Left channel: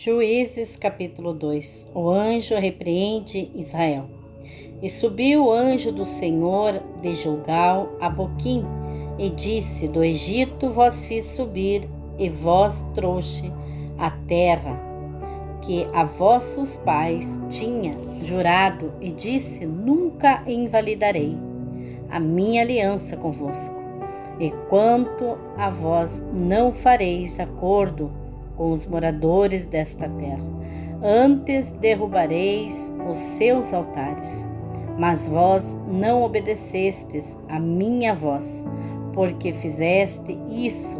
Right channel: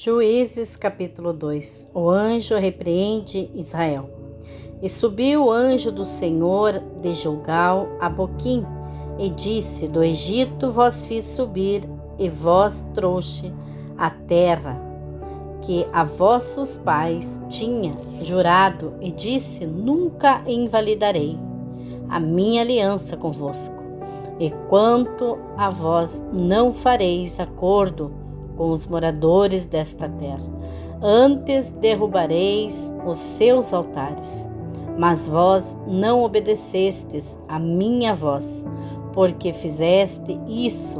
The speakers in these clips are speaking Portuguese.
Juízes capítulo 2. O anjo repreende Israel. E subiu o anjo do Senhor de Gilgal a Boquim, e disse: Do Egito vos fiz subir, e vos trouxe a terra que a vossos pais tinha jurado, e disse: Nunca invalidarei a minha aliança convosco. E quanto a vós, não fareis acordo com os moradores desta terra. Antes derrubareis os seus altares. Mas vós não obedecestes a minha voz, porque fizeste isso.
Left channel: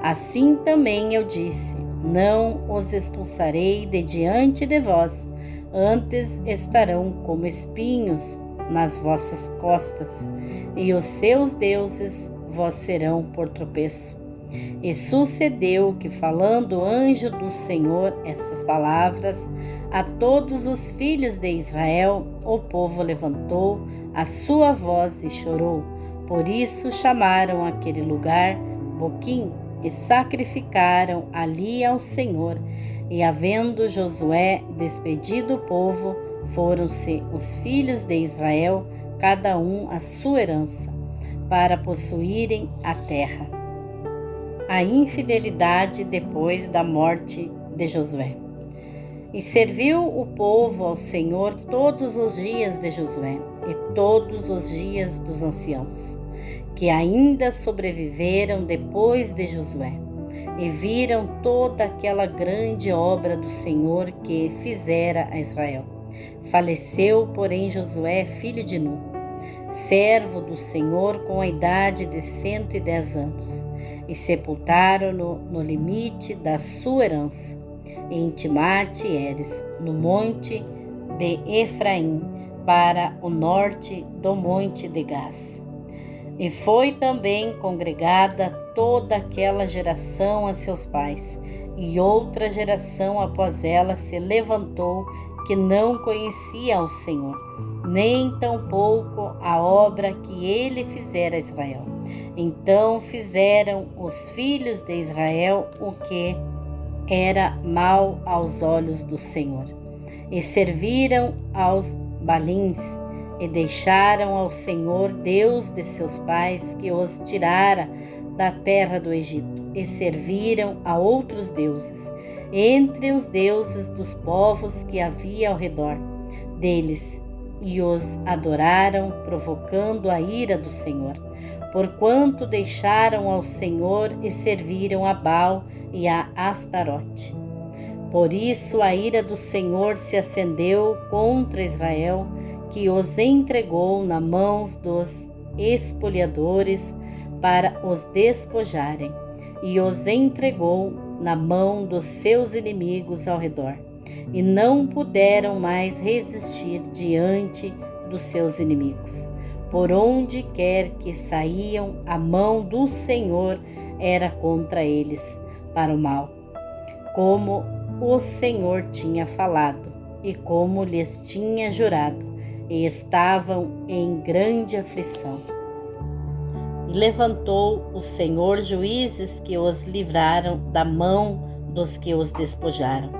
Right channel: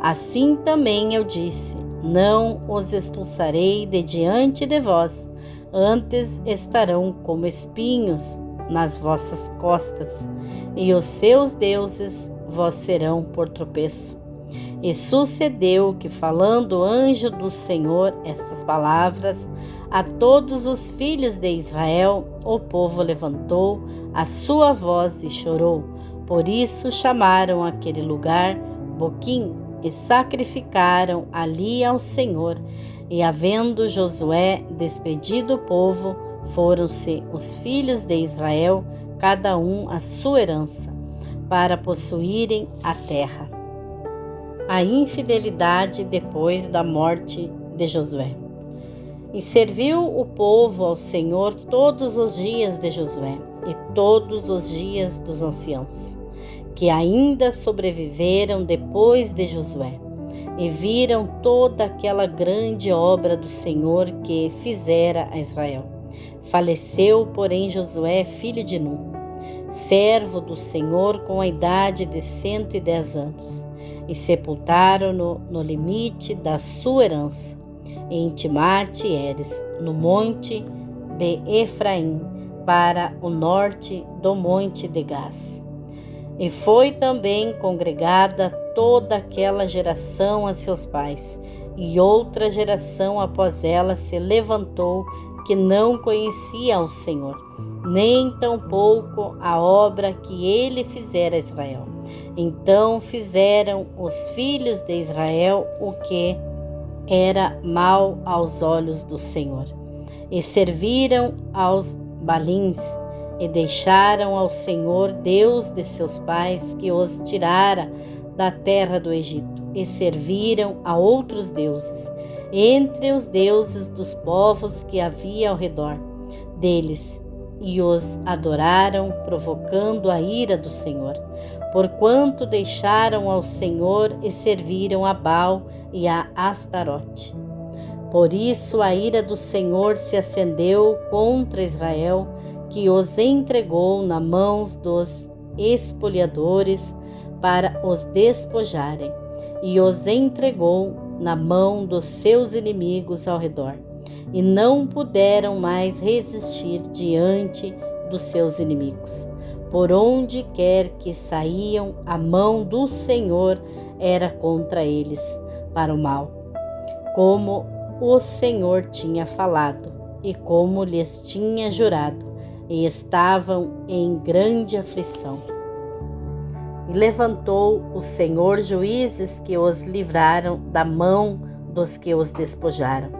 Assim também eu disse: Não os expulsarei de diante de vós, antes estarão como espinhos nas vossas costas, e os seus deuses vós serão por tropeço. E sucedeu que, falando o anjo do Senhor estas palavras a todos os filhos de Israel, o povo levantou a sua voz e chorou. Por isso chamaram aquele lugar Boquim, e sacrificaram ali ao Senhor. E havendo Josué despedido o povo, foram-se os filhos de Israel, cada um a sua herança, para possuírem a terra. A infidelidade depois da morte de Josué. E serviu o povo ao Senhor todos os dias de Josué e todos os dias dos anciãos, que ainda sobreviveram depois de Josué, e viram toda aquela grande obra do Senhor que fizera a Israel. Faleceu, porém, Josué, filho de Nun, servo do Senhor, com a idade de 110 anos. E sepultaram-no no limite da sua herança, em Timate-Heres, no monte de Efraim, para o norte do monte de Gás. E foi também congregada toda aquela geração a seus pais, e outra geração após ela se levantou, que não conhecia ao Senhor, nem tampouco a obra que ele fizera a Israel. Então fizeram os filhos de Israel o que era mal aos olhos do Senhor, e serviram aos Balins, e deixaram ao Senhor, Deus de seus pais, que os tirara da terra do Egito, e serviram a outros deuses, entre os deuses dos povos que havia ao redor deles, e os adoraram, provocando a ira do Senhor, porquanto deixaram ao Senhor e serviram a Baal e a Astarote. Por isso a ira do Senhor se acendeu contra Israel, que os entregou na mãos dos espoliadores para os despojarem, e os entregou na mão dos seus inimigos ao redor, e não puderam mais resistir diante dos seus inimigos. Por onde quer que saíam, a mão do Senhor era contra eles, para o mal, como o Senhor tinha falado, e como lhes tinha jurado, e estavam em grande aflição. E levantou o Senhor juízes que os livraram da mão dos que os despojaram.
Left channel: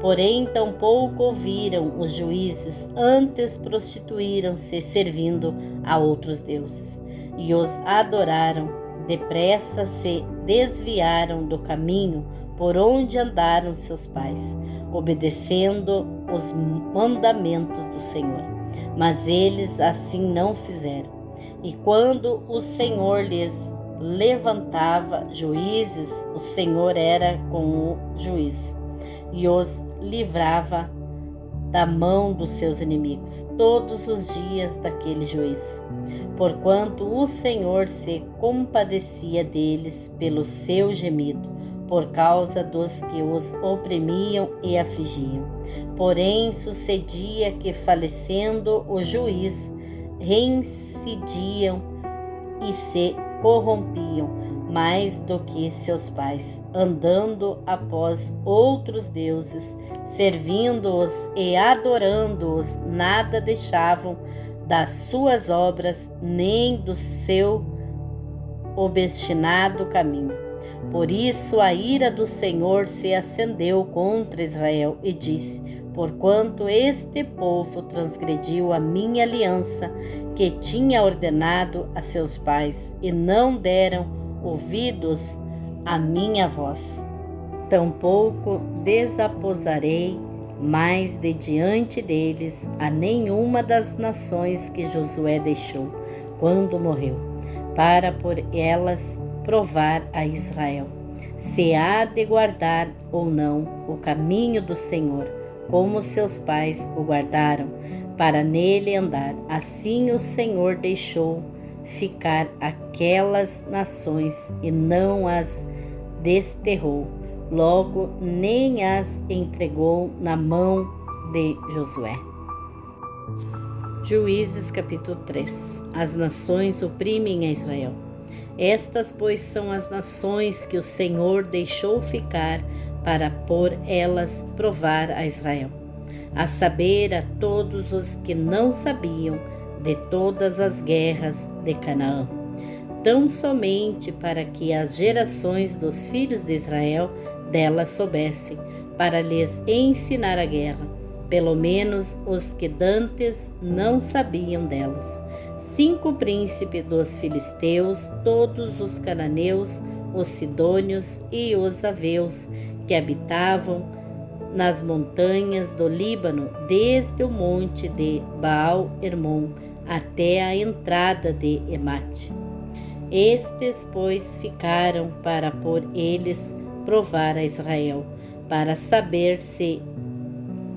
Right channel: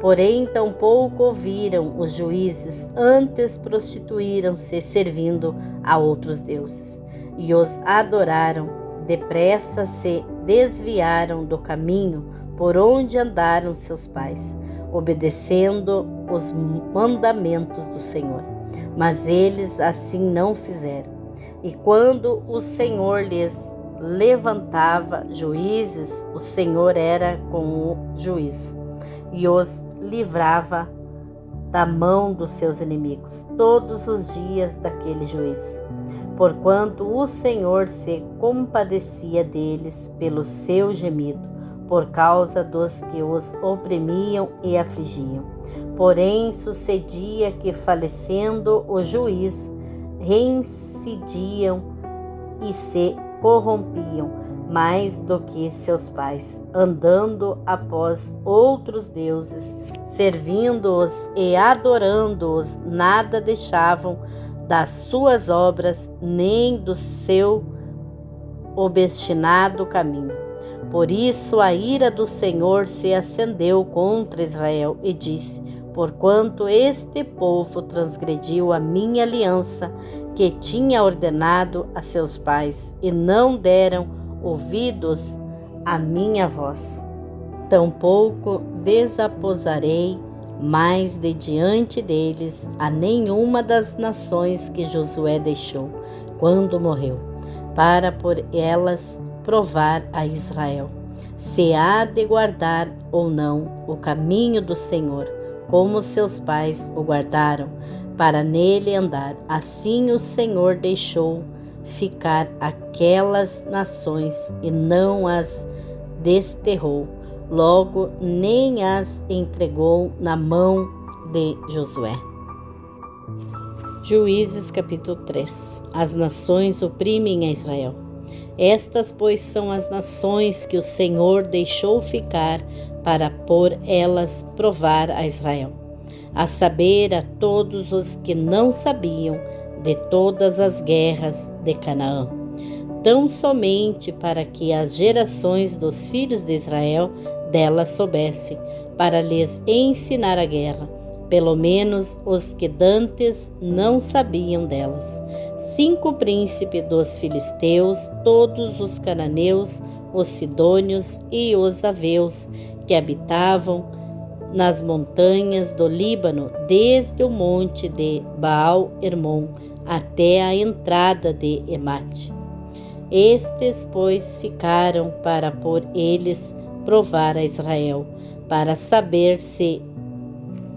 Porém, tampouco ouviram os juízes, antes prostituíram-se servindo a outros deuses, e os adoraram. Depressa se desviaram do caminho por onde andaram seus pais, obedecendo os mandamentos do Senhor. Mas eles assim não fizeram. E quando o Senhor lhes levantava juízes, o Senhor era com o juiz, e os livrava da mão dos seus inimigos todos os dias daquele juiz, porquanto o Senhor se compadecia deles pelo seu gemido, por causa dos que os oprimiam e afligiam. Porém sucedia que, falecendo o juiz, reincidiam e se corrompiam mais do que seus pais, andando após outros deuses, servindo-os e adorando-os, nada deixavam das suas obras, nem do seu obstinado caminho. Por isso a ira do Senhor se acendeu contra Israel e disse: porquanto este povo transgrediu a minha aliança que tinha ordenado a seus pais, e não deram ouvidos à minha voz. Tampouco desaposarei mais de diante deles a nenhuma das nações que Josué deixou, quando morreu, para por elas provar a Israel, se há de guardar ou não o caminho do Senhor, como seus pais o guardaram, para nele andar. Assim o Senhor deixou ficar aquelas nações e não as desterrou, logo nem as entregou na mão de Josué. Juízes capítulo 3. As nações oprimem a Israel. Estas, pois, são as nações que o Senhor deixou ficar para por elas provar a Israel, a saber, a todos os que não sabiam de todas as guerras de Canaã, tão somente para que as gerações dos filhos de Israel delas soubessem, para lhes ensinar a guerra, pelo menos os que dantes não sabiam delas. 5 príncipes dos filisteus, todos os cananeus, os sidônios e os aveus, que habitavam nas montanhas do Líbano, desde o monte de Baal-Hermon até a entrada de Emate. Estes, pois, ficaram para por eles provar a Israel, para saber se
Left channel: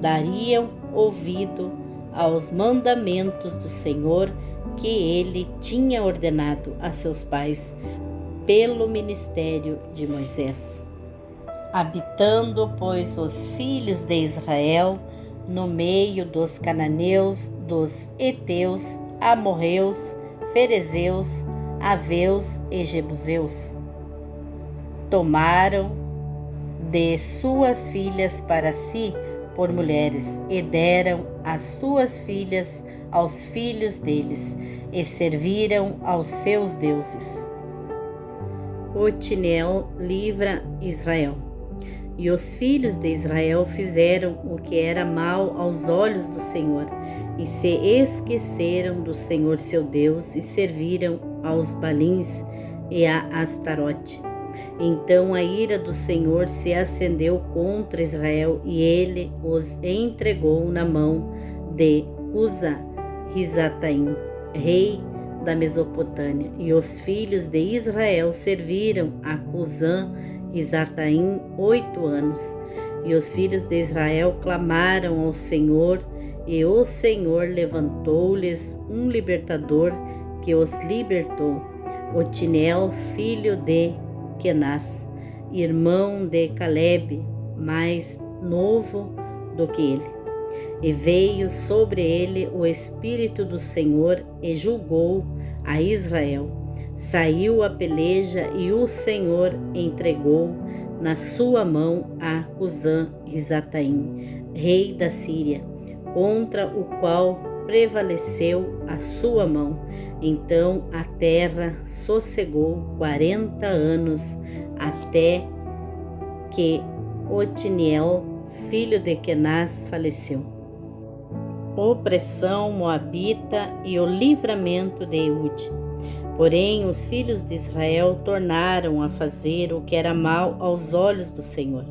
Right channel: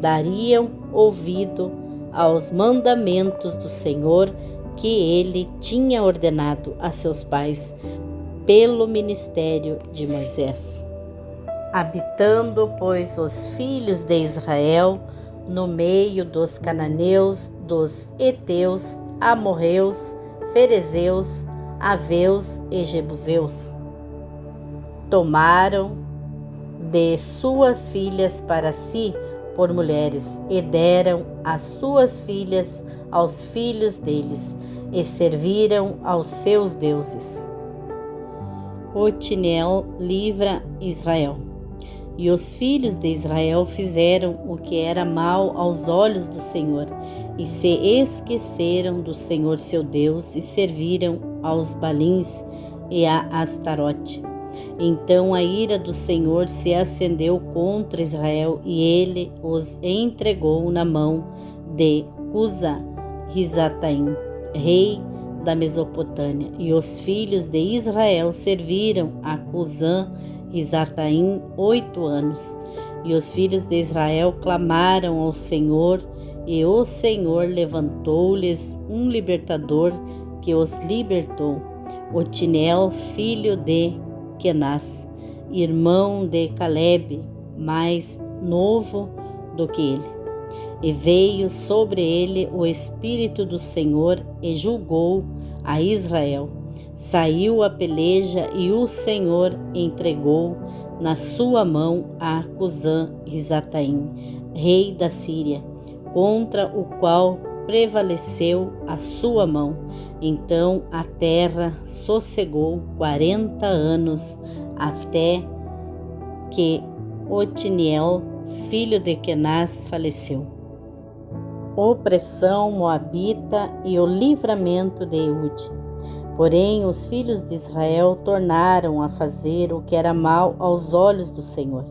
dariam ouvido aos mandamentos do Senhor que ele tinha ordenado a seus pais pelo ministério de Moisés. Habitando, pois, os filhos de Israel no meio dos cananeus, dos heteus, amorreus, ferezeus, aveus e jebuseus, tomaram de suas filhas para si por mulheres, e deram as suas filhas aos filhos deles, e serviram aos seus deuses. Otniel livra Israel. E os filhos de Israel fizeram o que era mal aos olhos do Senhor, e se esqueceram do Senhor seu Deus, e serviram aos Balins e a Astarote. Então a ira do Senhor se acendeu contra Israel, e ele os entregou na mão de Cusa-Risataim, rei da Mesopotâmia. E os filhos de Israel serviram a Cusa-Risataim 8 anos. E os filhos de Israel clamaram ao Senhor, e o Senhor levantou-lhes um libertador que os libertou, Otniel, filho de Kenaz, irmão de Calebe, mais novo do que ele. E veio sobre ele o Espírito do Senhor, e julgou a Israel. Saiu a peleja, e o Senhor entregou na sua mão a Cusã-Risataim, rei da Síria, contra o qual prevaleceu a sua mão. Então a terra sossegou 40 anos, até que Otniel, filho de Kenaz, faleceu. Opressão moabita e o livramento de Eude. Porém, os filhos de Israel tornaram a fazer o que era mal aos olhos do Senhor.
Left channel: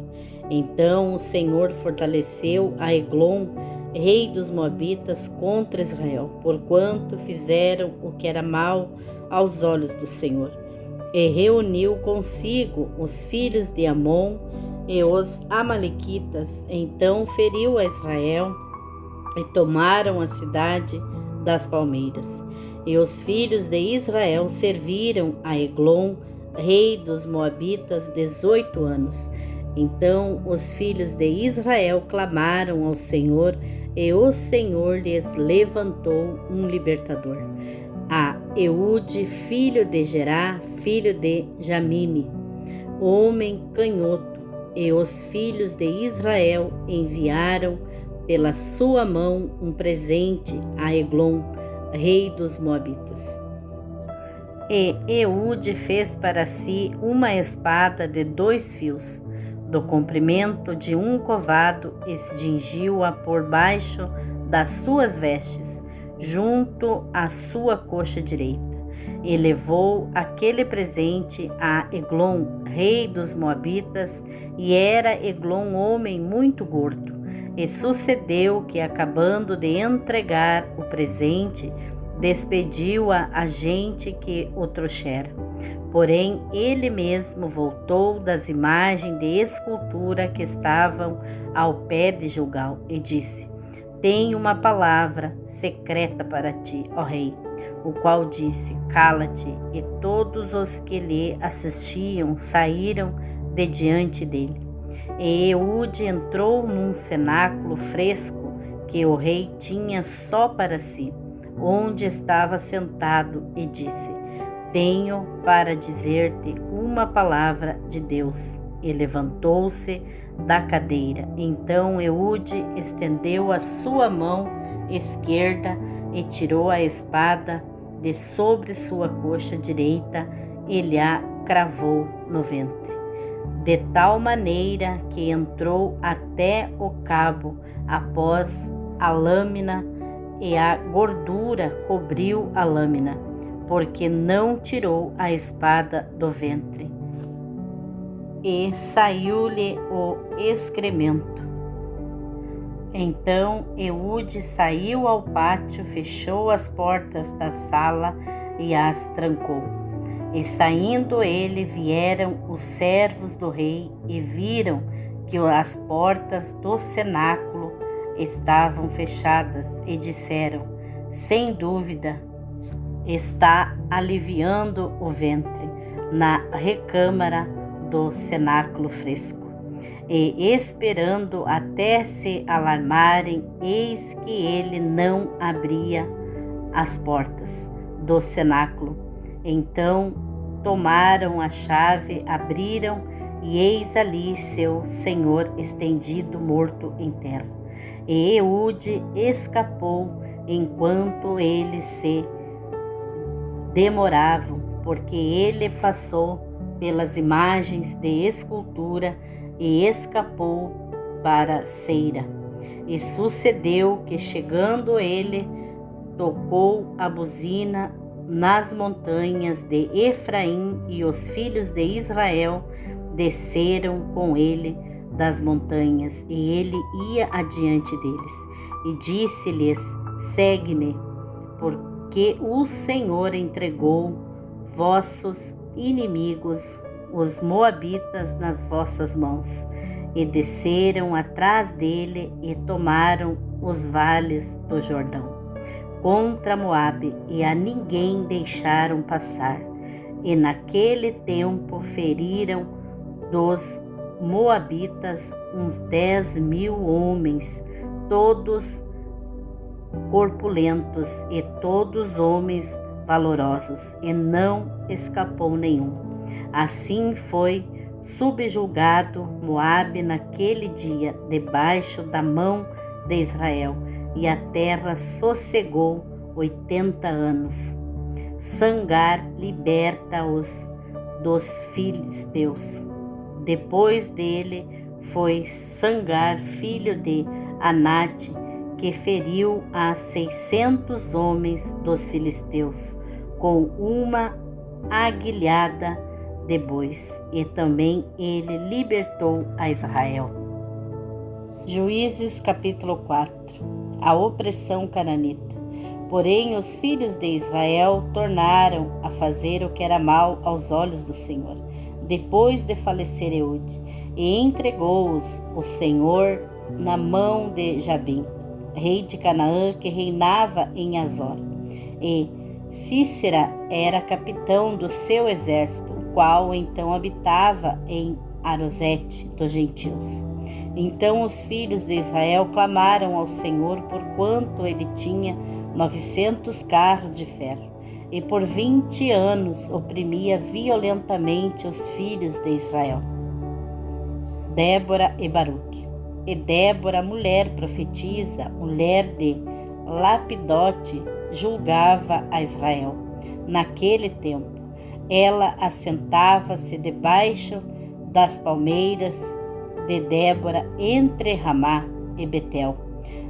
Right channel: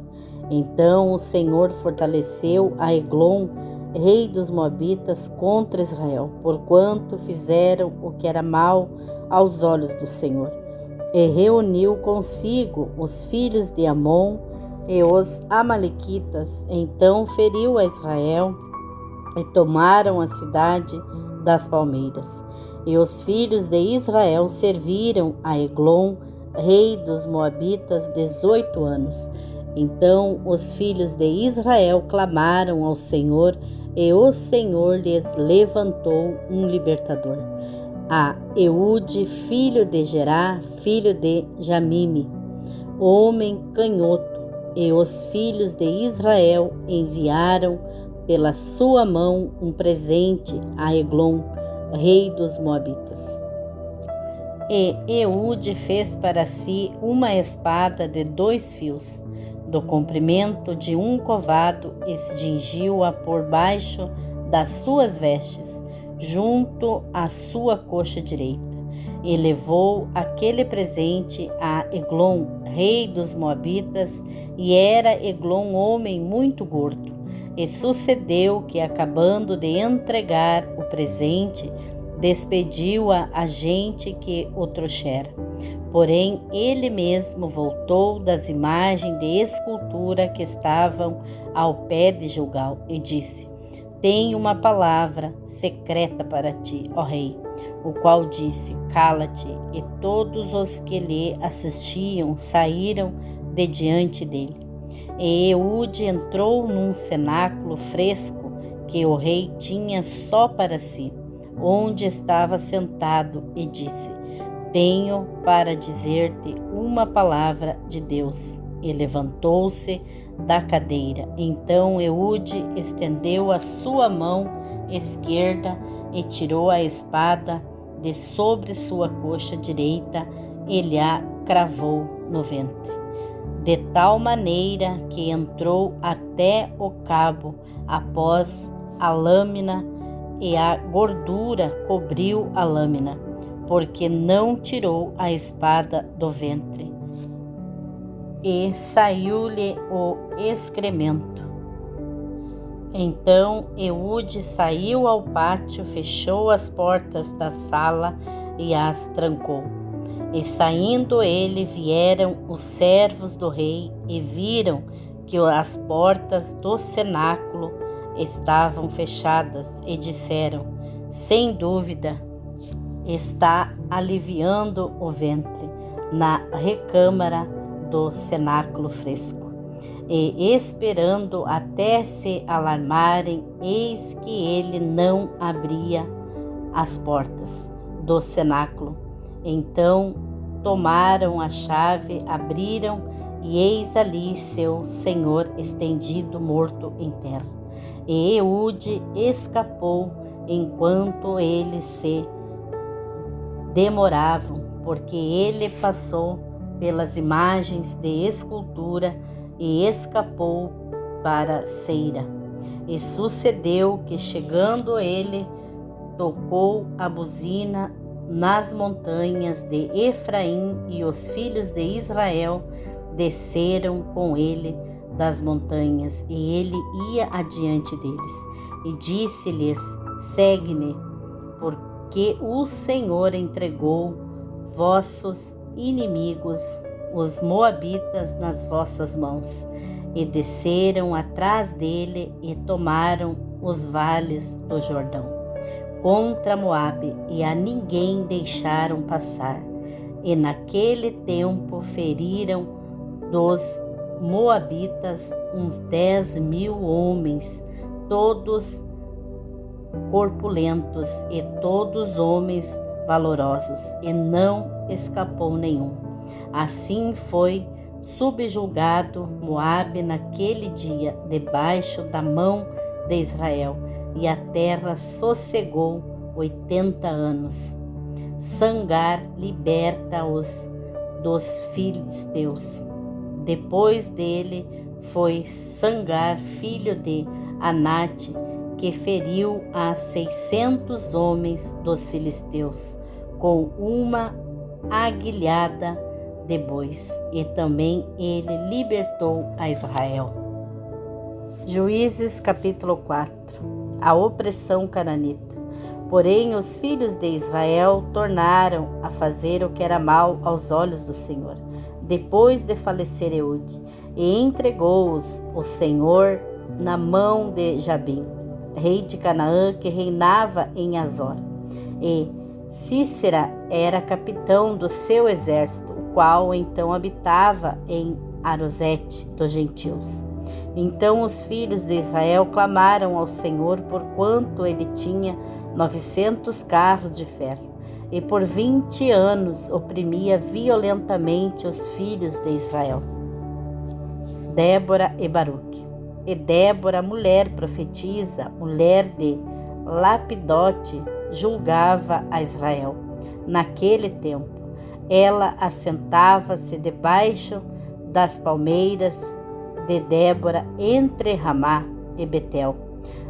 Então o Senhor fortaleceu a Eglon, rei dos moabitas, contra Israel, porquanto fizeram o que era mal aos olhos do Senhor. E reuniu consigo os filhos de Amon e os amalequitas. Então feriu a Israel, e tomaram a cidade das palmeiras. E os filhos de Israel serviram a Eglon, rei dos moabitas, 18 anos. Então os filhos de Israel clamaram ao Senhor, e o Senhor lhes levantou um libertador, a Eude, filho de Gerá, filho de Jamime, homem canhoto. E os filhos de Israel enviaram pela sua mão um presente a Eglon, rei dos moabitas. E Eude fez para si uma espada de 2 fios, do comprimento de um covado, e cingiu-a por baixo das suas vestes, junto à sua coxa direita. E levou aquele presente a Eglon, rei dos Moabitas, e era Eglon homem muito gordo. E sucedeu que, acabando de entregar o presente, despediu a gente que o trouxera. Porém, ele mesmo voltou das imagens de escultura que estavam ao pé de Gilgal e disse: Tenho uma palavra secreta para ti, ó rei. O qual disse: Cala-te. E todos os que lhe assistiam saíram de diante dele. E Eude entrou num cenáculo fresco que o rei tinha só para si, onde estava sentado, e disse: Tenho para dizer-te uma palavra de Deus. E levantou-se da cadeira. Então Eude estendeu a sua mão esquerda e tirou a espada de sobre sua coxa direita e lhe a cravou no ventre, de tal maneira que entrou até o cabo após a lâmina, e a gordura cobriu a lâmina, porque não tirou a espada do ventre. E saiu-lhe o excremento. Então Eude saiu ao pátio, fechou as portas da sala e as trancou. E saindo ele, vieram os servos do rei e viram que as portas do cenáculo estavam fechadas e disseram: Sem dúvida, está aliviando o ventre na recâmara do cenáculo fresco. E esperando até se alarmarem, eis que ele não abria as portas do cenáculo. Então tomaram a chave, abriram, e eis ali seu senhor estendido, morto em terra. E Eude escapou enquanto eles se demoravam, porque ele passou pelas imagens de escultura e escapou para Seira. E sucedeu que, chegando ele, tocou a buzina nas montanhas de Efraim, e os filhos de Israel desceram com ele das montanhas, e ele ia adiante deles. E disse-lhes: Segue-me, porque o Senhor entregou vossos inimigos, os moabitas, nas vossas mãos. E desceram atrás dele e tomaram os vales do Jordão contra Moabe, e a ninguém deixaram passar. E naquele tempo feriram dos moabitas uns 10.000 homens, todos corpulentos e todos homens valorosos, e não escapou nenhum. Assim foi subjugado Moabe naquele dia debaixo da mão de Israel, e a terra sossegou 80 anos. Sangar liberta-os dos filisteus. Depois dele foi Sangar, filho de Anate, que feriu a 600 homens dos filisteus com uma aguilhada de bois, e também ele libertou a Israel. Juízes capítulo 4. A opressão cananita. Porém os filhos de Israel tornaram a fazer o que era mal aos olhos do Senhor, depois de falecer Eude, e entregou-os o Senhor na mão de Jabim, rei de Canaã, que reinava em Azor. E Cícera era capitão do seu exército, o qual então habitava em Arosete dos gentios. Então os filhos de Israel clamaram ao Senhor, porquanto ele tinha 900 carros de ferro, e por 20 anos oprimia violentamente os filhos de Israel. Débora e Baruque. E Débora, mulher profetisa, mulher de Lapidote, julgava a Israel naquele tempo. Ela assentava-se debaixo das palmeiras de Débora entre Ramá e Betel,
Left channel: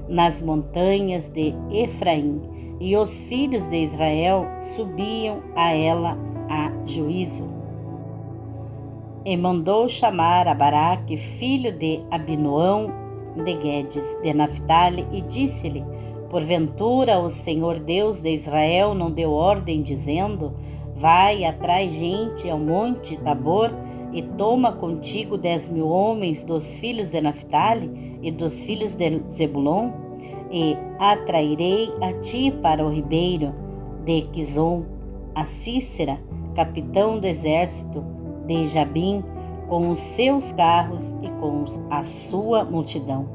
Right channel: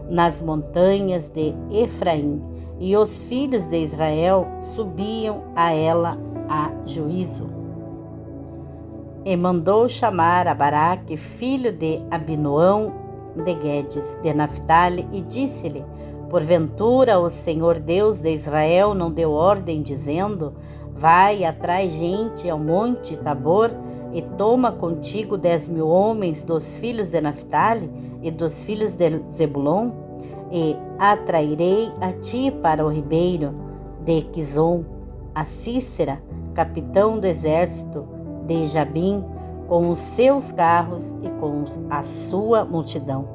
nas montanhas de Efraim, e os filhos de Israel subiam a ela a juízo. E mandou chamar a Baraque, filho de Abinoão de Guedes, de Naphtali, e disse-lhe: porventura o Senhor Deus de Israel não deu ordem, dizendo: vai, atrai gente ao monte Tabor, e toma contigo 10.000 homens dos filhos de Naphtali e dos filhos de Zebulon, e atrairei a ti para o ribeiro de Quizon a Sísera, capitão do exército de Jabim, com os seus carros e com a sua multidão,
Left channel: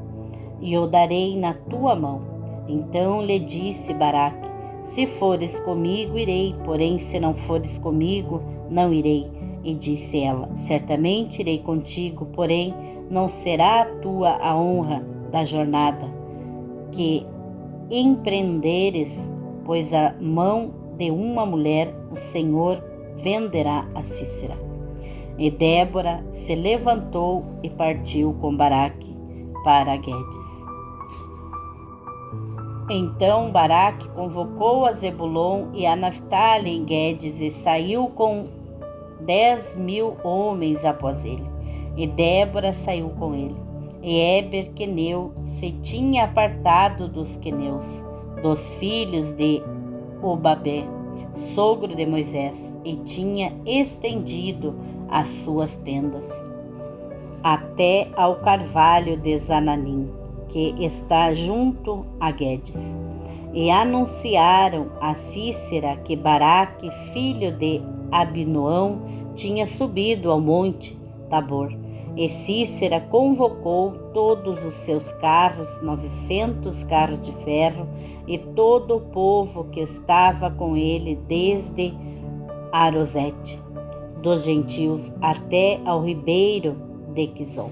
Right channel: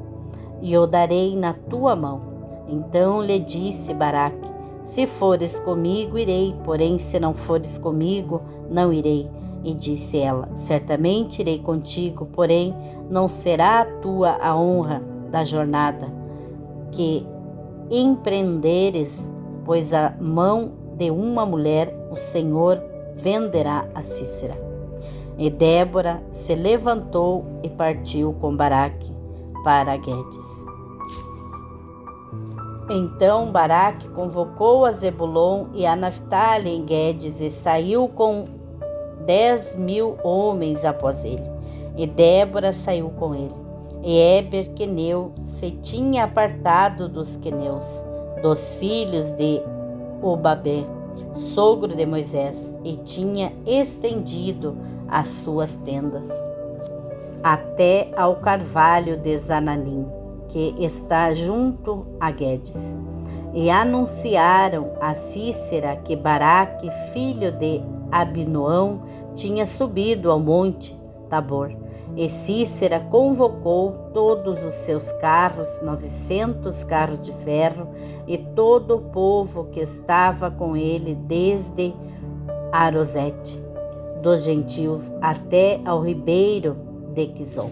e o darei na tua mão. Então lhe disse Baraque: se fores comigo, irei, porém se não fores comigo, não irei. E disse ela: certamente irei contigo, porém não será a tua a honra da jornada que empreenderes, pois a mão de uma mulher o Senhor venderá a Sísera. E Débora se levantou e partiu com Baraque para Guedes. Então Baraque convocou a Zebulon e a Naphtali em Guedes e saiu com 10.000 homens após ele. E Débora saiu com ele. E Éber queneu se tinha apartado dos queneus, dos filhos de Obabé, sogro de Moisés, e tinha estendido as suas tendas até ao carvalho de Zananim, que está junto a Guedes. E anunciaram a Sísera que Baraque, filho de Abinoão, tinha subido ao monte Tabor. E Sísera convocou todos os seus carros, 900 carros de ferro, e todo o povo que estava com ele, desde Arosete, dos gentios, até ao ribeiro de Quizon.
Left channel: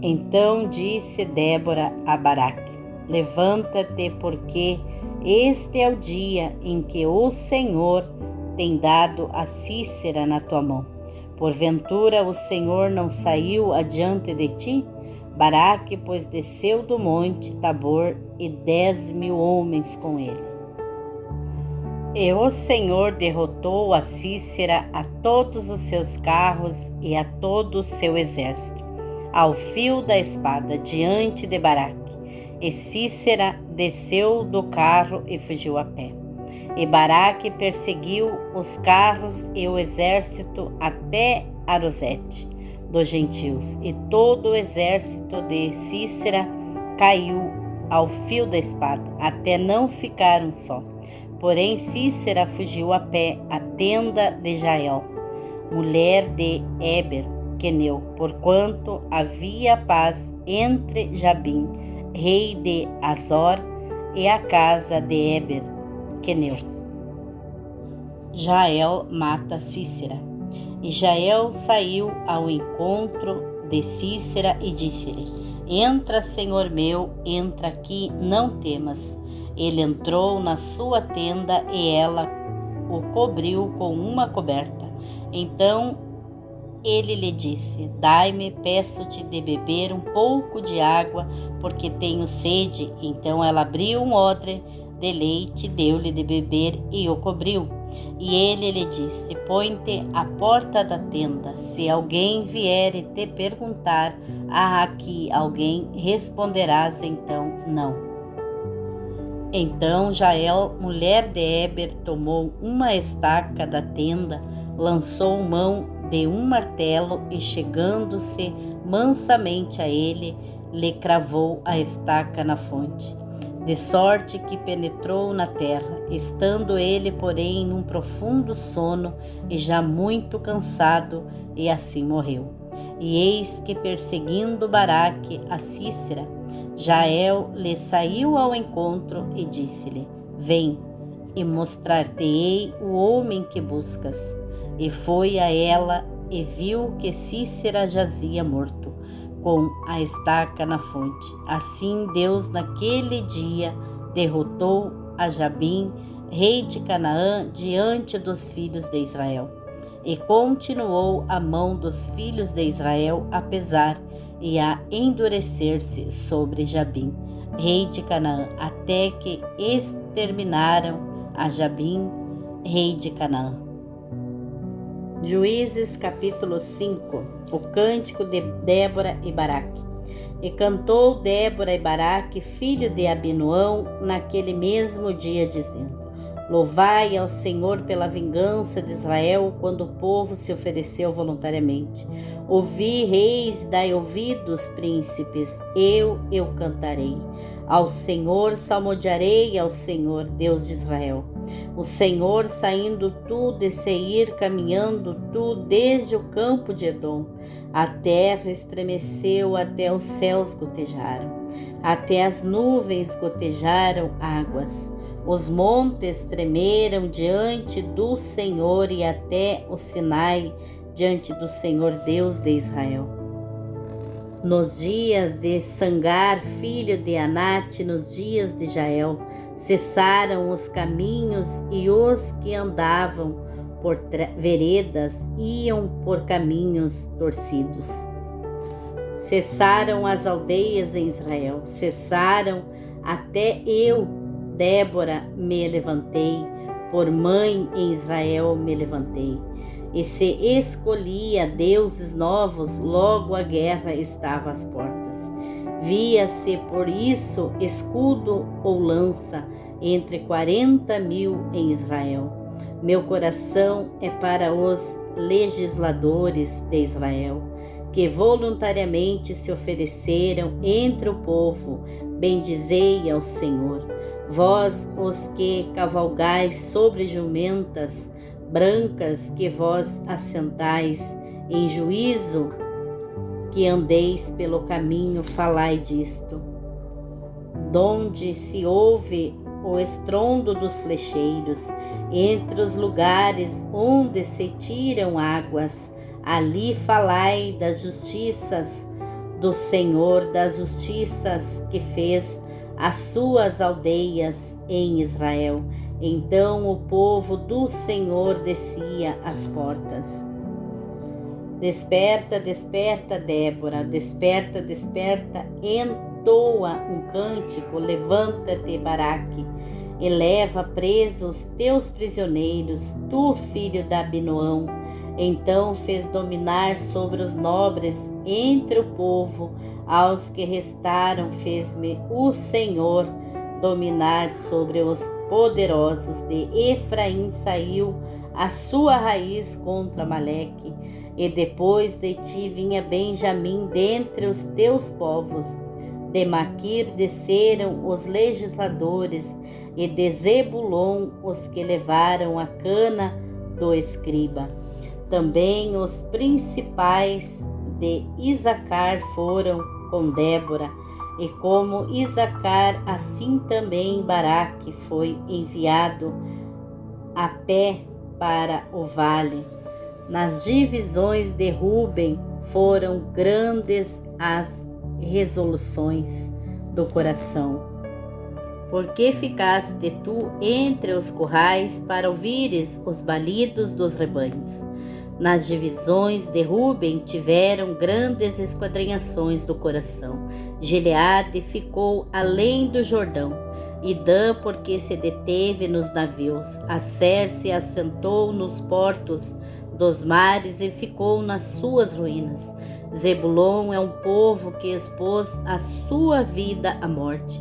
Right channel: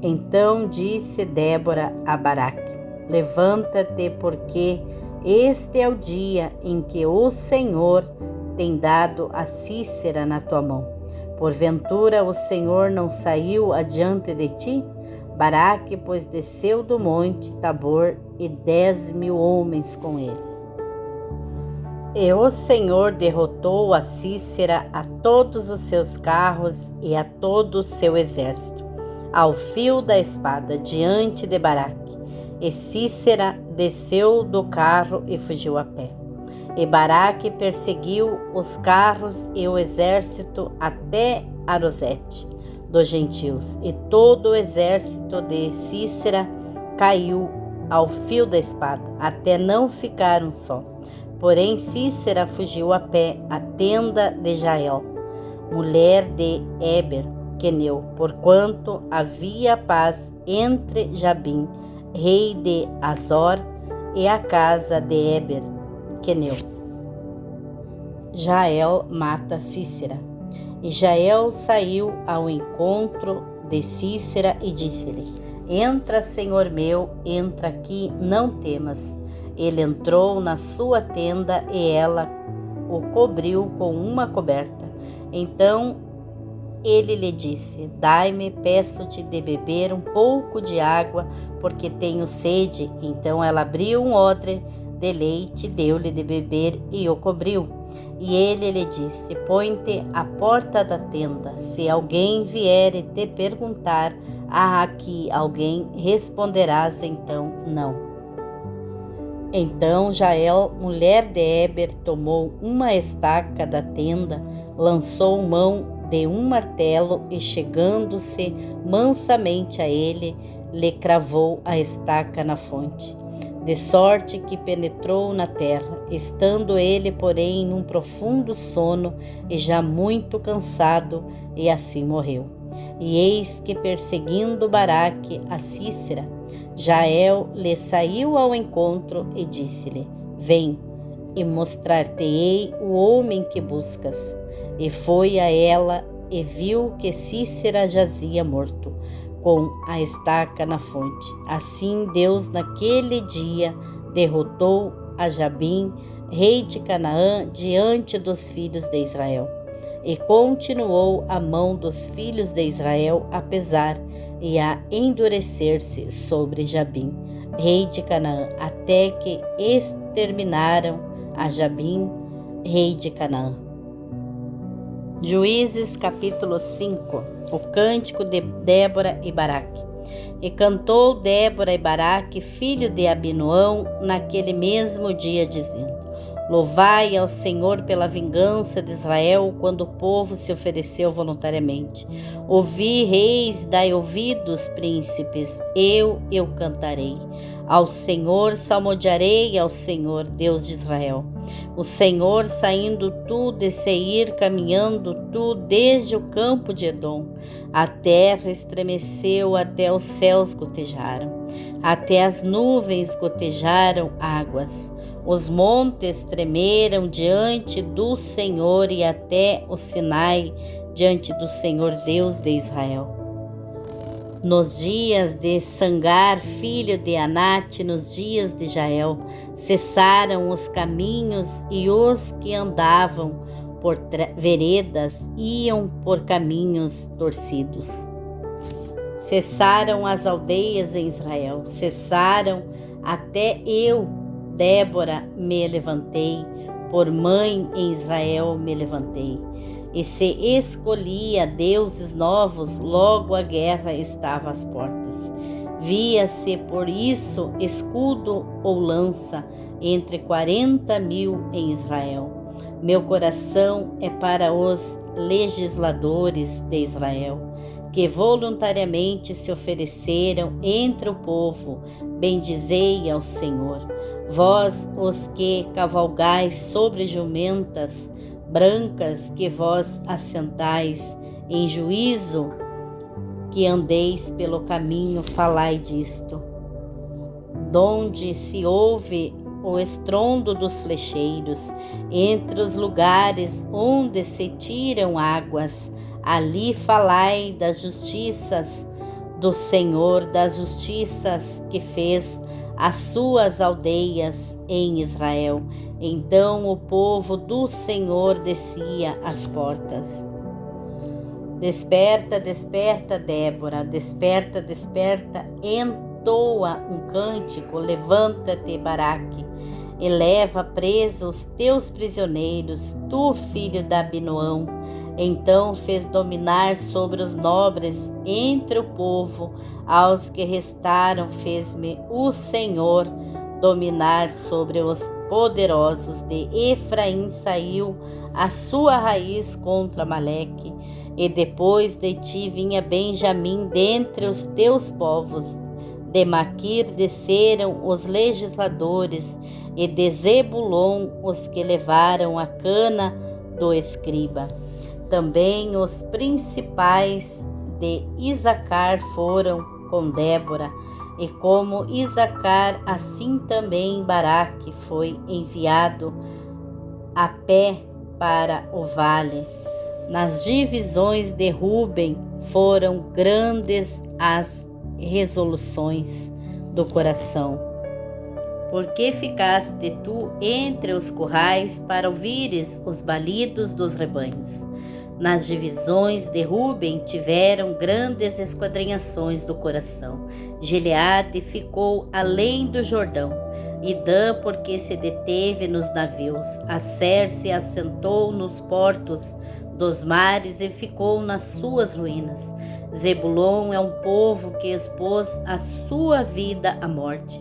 Então disse Débora a Baraque: levanta-te, porque este é o dia em que o Senhor tem dado a Sísera na tua mão. Porventura o Senhor não saiu adiante de ti? Baraque, pois, desceu do monte Tabor, e 10.000 homens com ele. E o Senhor derrotou a Sísera, a todos os seus carros e a todo o seu exército, ao fio da espada, diante de Baraque. E Sísera desceu do carro e fugiu a pé. E Baraque perseguiu os carros e o exército até Arosete dos gentios, e todo o exército de Sísera caiu ao fio da espada, até não ficar um só. Porém Sísera fugiu a pé à tenda de Jael, mulher de Éber queneu, porquanto havia paz entre Jabim, rei de Azor, e a casa de Éber queneu. Jael mata Sísera. E Jael saiu ao encontro de Sísera e disse-lhe: entra, senhor meu, entra aqui, não temas. Ele entrou na sua tenda e ela o cobriu com uma coberta. Então ele lhe disse: dai-me, peço-te, de beber um pouco de água, porque tenho sede. Então ela abriu um odre de leite, deu-lhe de beber e o cobriu. E ele lhe disse: põe-te à porta da tenda. Se alguém vier e te perguntar: há aqui alguém? Responderás então: não. Então Jael, mulher de Éber, tomou uma estaca da tenda, lançou mão de um martelo e, chegando-se mansamente a ele, lhe cravou a estaca na fonte, de sorte que penetrou na terra, estando ele, porém, num profundo sono e já muito cansado, e assim morreu. E eis que, perseguindo Baraque a Sísera, Jael lhe saiu ao encontro e disse-lhe: vem, e mostrar-te-ei o homem que buscas. E foi a ela e viu que Sísera jazia morto, com a estaca na fonte. Assim Deus naquele dia derrotou a Jabim rei de Canaã, diante dos filhos de Israel. E continuou a mão dos filhos de Israel a pesar e a endurecer-se sobre Jabim, rei de Canaã, até que exterminaram a Jabim, rei de Canaã. Juízes capítulo 5. O cântico de Débora e Baraque. E cantou Débora e Baraque, filho de Abinoão, naquele mesmo dia, dizendo: Louvai ao Senhor pela vingança de Israel, quando o povo se ofereceu voluntariamente. Ouvi, reis, dai ouvidos, príncipes, eu cantarei. Ao Senhor salmodiarei, ao Senhor, Deus de Israel. O Senhor, saindo tu de Seir, caminhando tu desde o campo de Edom. A terra estremeceu, até os céus gotejaram, até as nuvens gotejaram águas. Os montes tremeram diante do Senhor e até o Sinai diante do Senhor Deus de Israel. Nos dias de Sangar, filho de Anate, nos dias de Jael, cessaram os caminhos e os que andavam por veredas iam por caminhos torcidos. Cessaram as aldeias em Israel, cessaram até eu, Débora, me levantei, por mãe em Israel me levantei. E se escolhia deuses novos, logo a guerra estava às portas. Via-se por isso escudo ou lança entre 40.000 em Israel. Meu coração é para os legisladores de Israel, que voluntariamente se ofereceram entre o povo. Bendizei ao Senhor. Vós, os que cavalgais sobre jumentas brancas, que vós assentais em juízo, que andeis pelo caminho, falai disto. Donde se ouve o estrondo dos flecheiros, entre os lugares onde se tiram águas, ali falai das justiças do Senhor, das justiças que fez as suas aldeias em Israel. Então o povo do Senhor descia às portas. Desperta, desperta, Débora, desperta, desperta, entoa um cântico, levanta-te, Baraque, e leva presos os teus prisioneiros, tu, filho de Abinoão. Então fez dominar sobre os nobres entre o povo, aos que restaram fez-me o Senhor dominar sobre os poderosos. De Efraim saiu a sua raiz contra Maleque, e depois de ti vinha Benjamim dentre os teus povos. De Maquir desceram os legisladores, e de Zebulon os que levaram a cana do escriba. Também os principais de Isacar foram com Débora, e como Isacar, assim também Baraque foi enviado a pé para o vale. Nas divisões de Ruben foram grandes as resoluções do coração. Porque ficaste tu entre os currais para ouvires os balidos dos rebanhos? Nas divisões de Ruben tiveram grandes esquadrinhações do coração. Gileade ficou além do Jordão, e Dan, porque se deteve nos navios. Asser se assentou nos portos dos mares e ficou nas suas ruínas. Zebulon é um povo que expôs a sua vida à morte,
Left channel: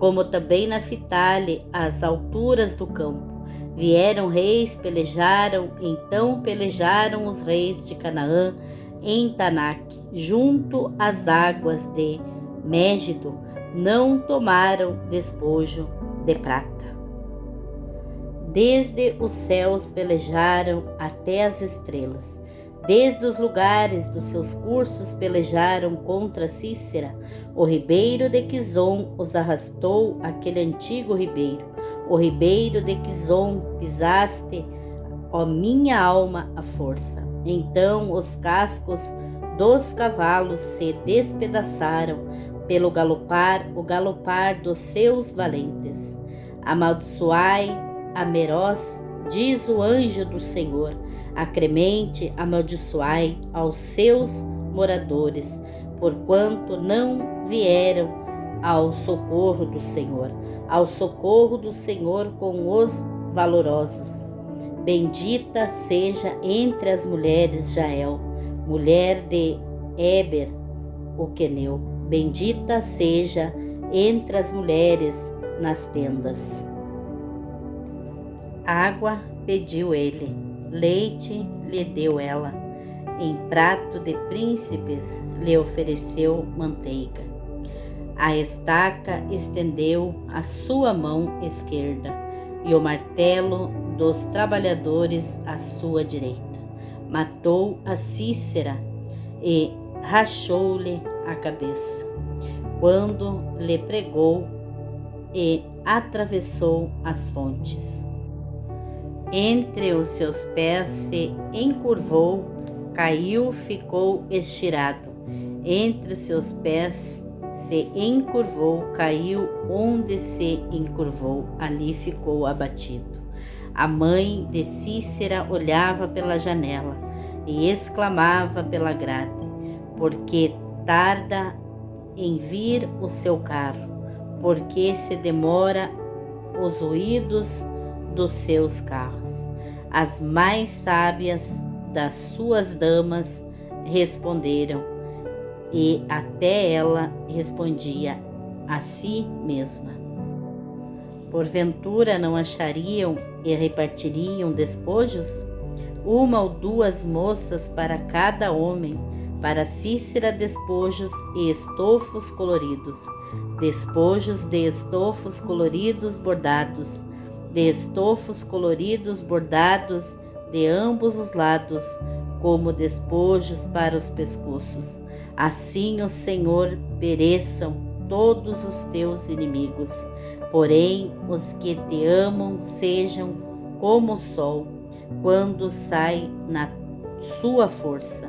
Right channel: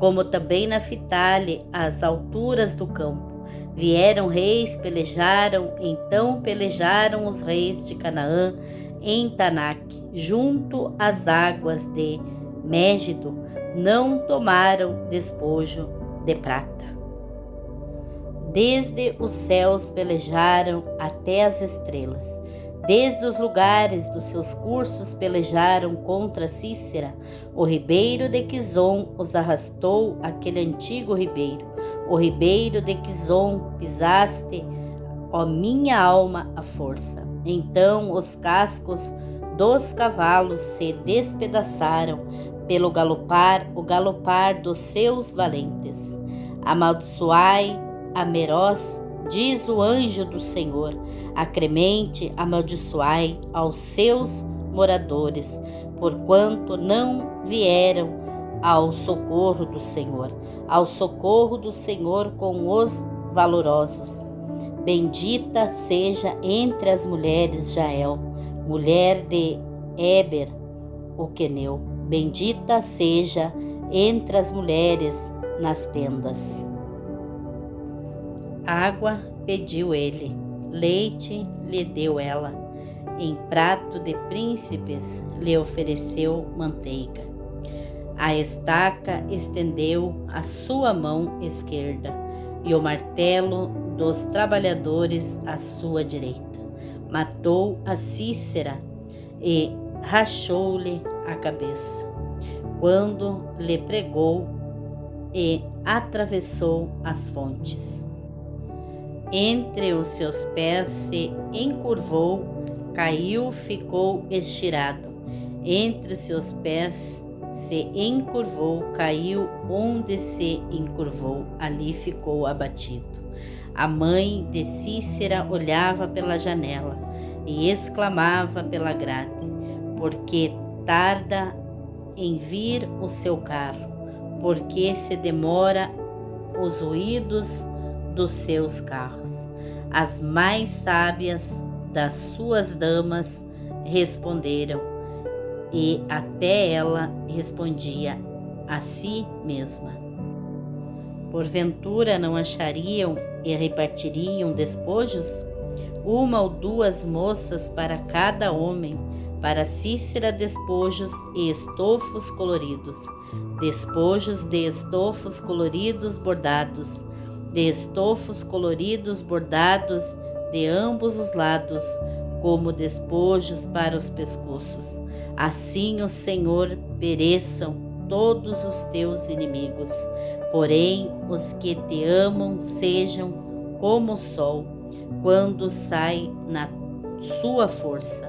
como também Naphtali, às alturas do campo. Vieram reis, pelejaram, então pelejaram os reis de Canaã em Tanaque, junto às águas de Mégido, não tomaram despojo de prata. Desde os céus pelejaram até as estrelas, desde os lugares dos seus cursos pelejaram contra Cícera. O ribeiro de Quizon os arrastou, aquele antigo ribeiro. O ribeiro de Quizon pisaste, ó minha alma, a força. Então os cascos dos cavalos se despedaçaram o galopar dos seus valentes. Amaldiçoai a Meroz, diz o anjo do Senhor, acremente amaldiçoai aos seus moradores, porquanto não vieram ao socorro do Senhor com os valorosos. Bendita seja entre as mulheres Jael, mulher de Eber, o queneu. Bendita seja entre as mulheres nas tendas. Água pediu ele, leite lhe deu ela, em prato de príncipes lhe ofereceu manteiga. A estaca estendeu a sua mão esquerda, e o martelo dos trabalhadores à sua direita. Matou a Cícera e rachou-lhe a cabeça, quando lhe pregou e atravessou as fontes. Entre os seus pés se encurvou, caiu, ficou estirado. Entre os seus pés se encurvou, caiu, onde se encurvou, ali ficou abatido. A mãe de Cícera olhava pela janela e exclamava pela grade, porque tarda em vir o seu carro, porque se demora os ruídos dos seus carros. As mais sábias das suas damas responderam, e até ela respondia a si mesma. Porventura não achariam e repartiriam despojos? Uma ou duas moças para cada homem, para Cícera despojos e estofos coloridos, despojos de estofos coloridos bordados, de estofos coloridos bordados de ambos os lados, como despojos para os pescoços. Assim, o Senhor, pereçam todos os teus inimigos, porém os que te amam sejam como o sol, quando sai na sua força.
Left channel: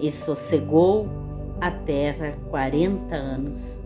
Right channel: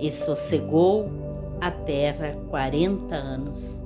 E sossegou a terra 40 anos.